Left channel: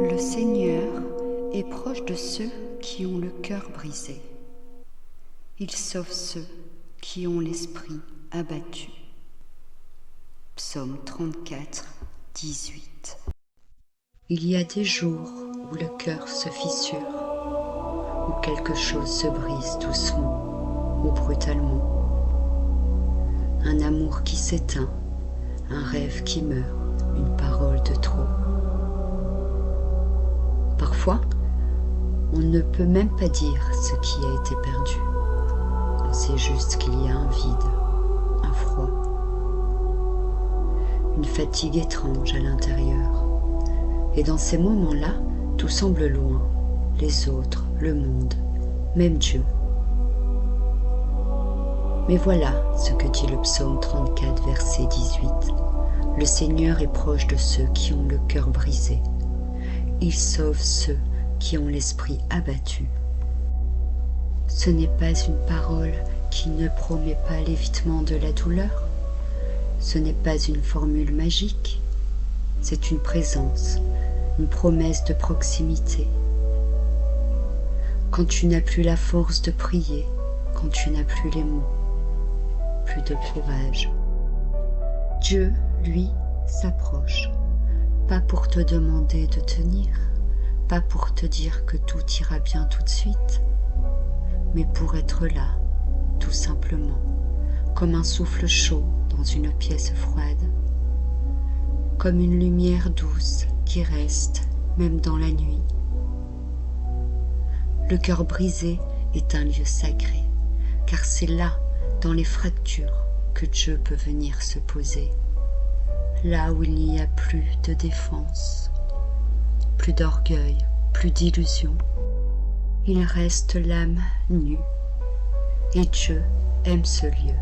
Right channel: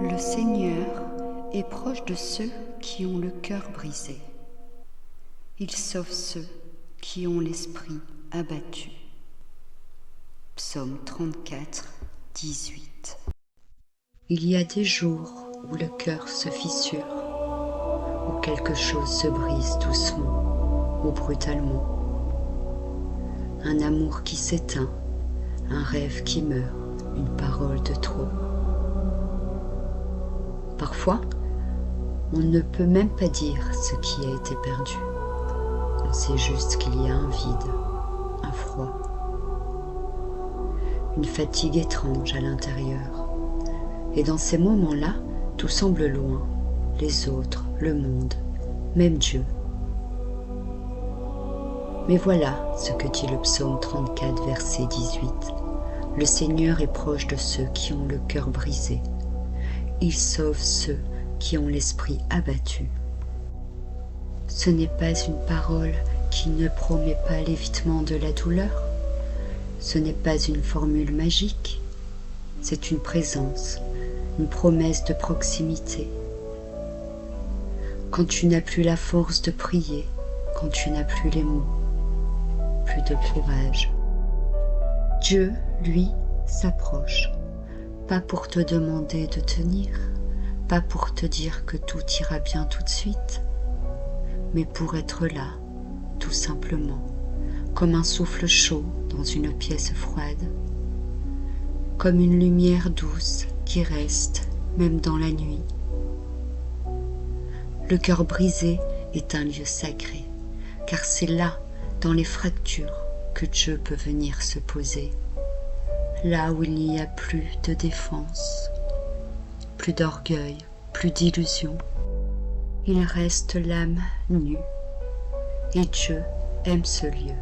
Le Seigneur est proche de ceux qui ont le cœur brisé. Il sauve ceux qui ont l'esprit abattu. Psaume 34, 18. Il y a des jours où le cœur se fissure, où quelque chose se brise doucement ou brutalement. Un amour qui s'éteint, un rêve qui meurt, une parole de trop. Parfois, on ne peut même pas dire ce qui a été perdu. On sait juste qu'il y a un vide, un froid, une fatigue étrange à l'intérieur. Et dans ces moments-là, tout semble loin, les autres, le monde, même Dieu. Mais voilà ce que dit le psaume 34, verset 18. Le Seigneur est proche de ceux qui ont le cœur brisé. Il sauve ceux qui ont l'esprit abattu. Ce n'est pas une parole qui ne promet pas l'évitement de la douleur. Ce n'est pas une formule magique. C'est une présence, une promesse de proximité. Quand tu n'as plus la force de prier, quand tu n'as plus les mots, plus de courage, Dieu, lui, s'approche. Pas pour te demander de tenir, pas pour te dire que tout ira bien tout de suite, mais pour être là, tout simplement, comme un souffle chaud dans une pièce froide, comme une lumière douce qui reste même dans la nuit. Le cœur brisé est un lieu sacré, car c'est là, dans les fractures, que Dieu peut venir se poser. Là où il n'y a plus de défense, plus d'orgueil, plus d'illusion, il reste l'âme nue, et Dieu aime ce lieu.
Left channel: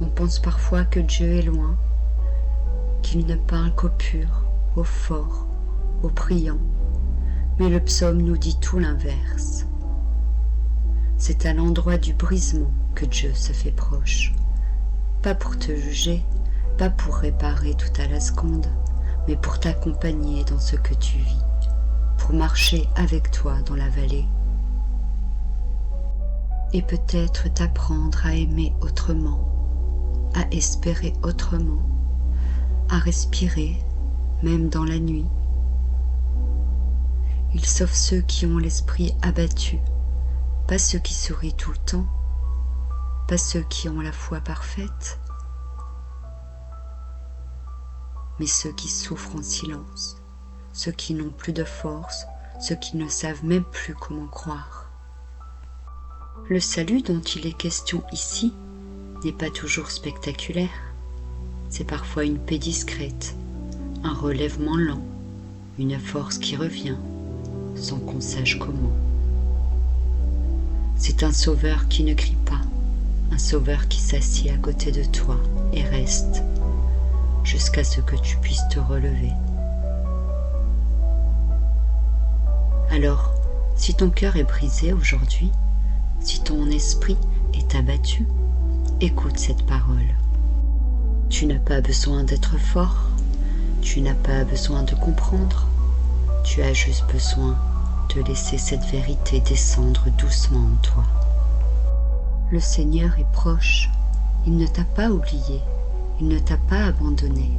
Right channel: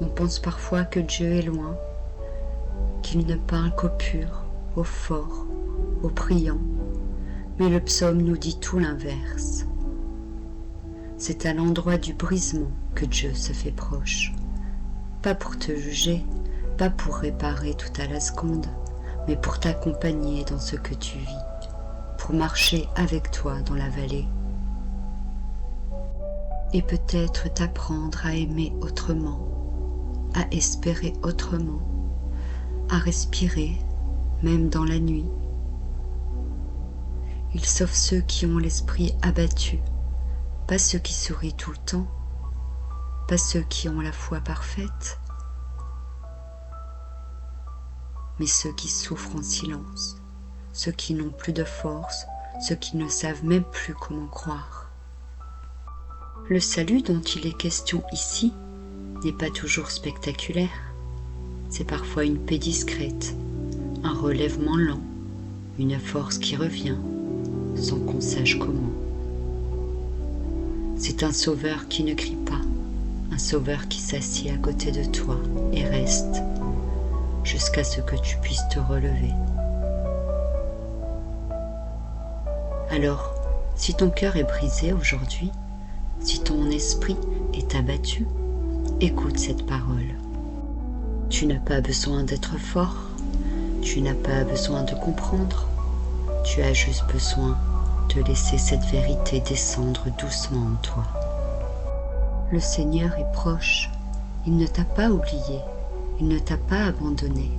On pense parfois que Dieu est loin, qu'il ne parle qu'aux purs, aux forts, aux priants, mais le psaume nous dit tout l'inverse. C'est à l'endroit du brisement que Dieu se fait proche, pas pour te juger, pas pour réparer tout à la seconde, mais pour t'accompagner dans ce que tu vis, pour marcher avec toi dans la vallée. Et peut-être t'apprendre à aimer autrement, à espérer autrement, à respirer, même dans la nuit. Il sauve ceux qui ont l'esprit abattu, pas ceux qui sourient tout le temps, pas ceux qui ont la foi parfaite, mais ceux qui souffrent en silence, ceux qui n'ont plus de force, ceux qui ne savent même plus comment croire. Le salut dont il est question ici n'est pas toujours spectaculaire. C'est parfois une paix discrète, un relèvement lent, une force qui revient, sans qu'on sache comment. C'est un sauveur qui ne crie pas, un sauveur qui s'assied à côté de toi et reste, jusqu'à ce que tu puisses te relever. Alors, si ton cœur est brisé aujourd'hui, si ton esprit est abattu, écoute cette parole. Tu n'as pas besoin d'être fort, tu n'as pas besoin de comprendre, tu as juste besoin de laisser cette vérité descendre doucement en toi. Le Seigneur est proche, il ne t'a pas oublié, il ne t'a pas abandonné.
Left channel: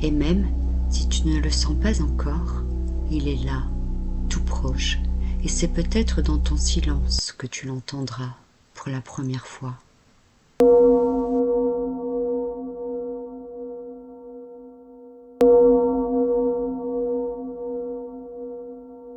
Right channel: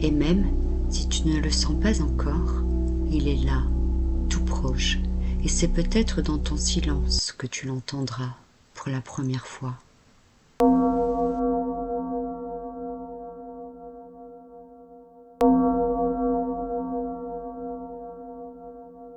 Et même si tu ne le sens pas encore, il est là, tout proche, et c'est peut-être dans ton silence que tu l'entendras pour la première fois.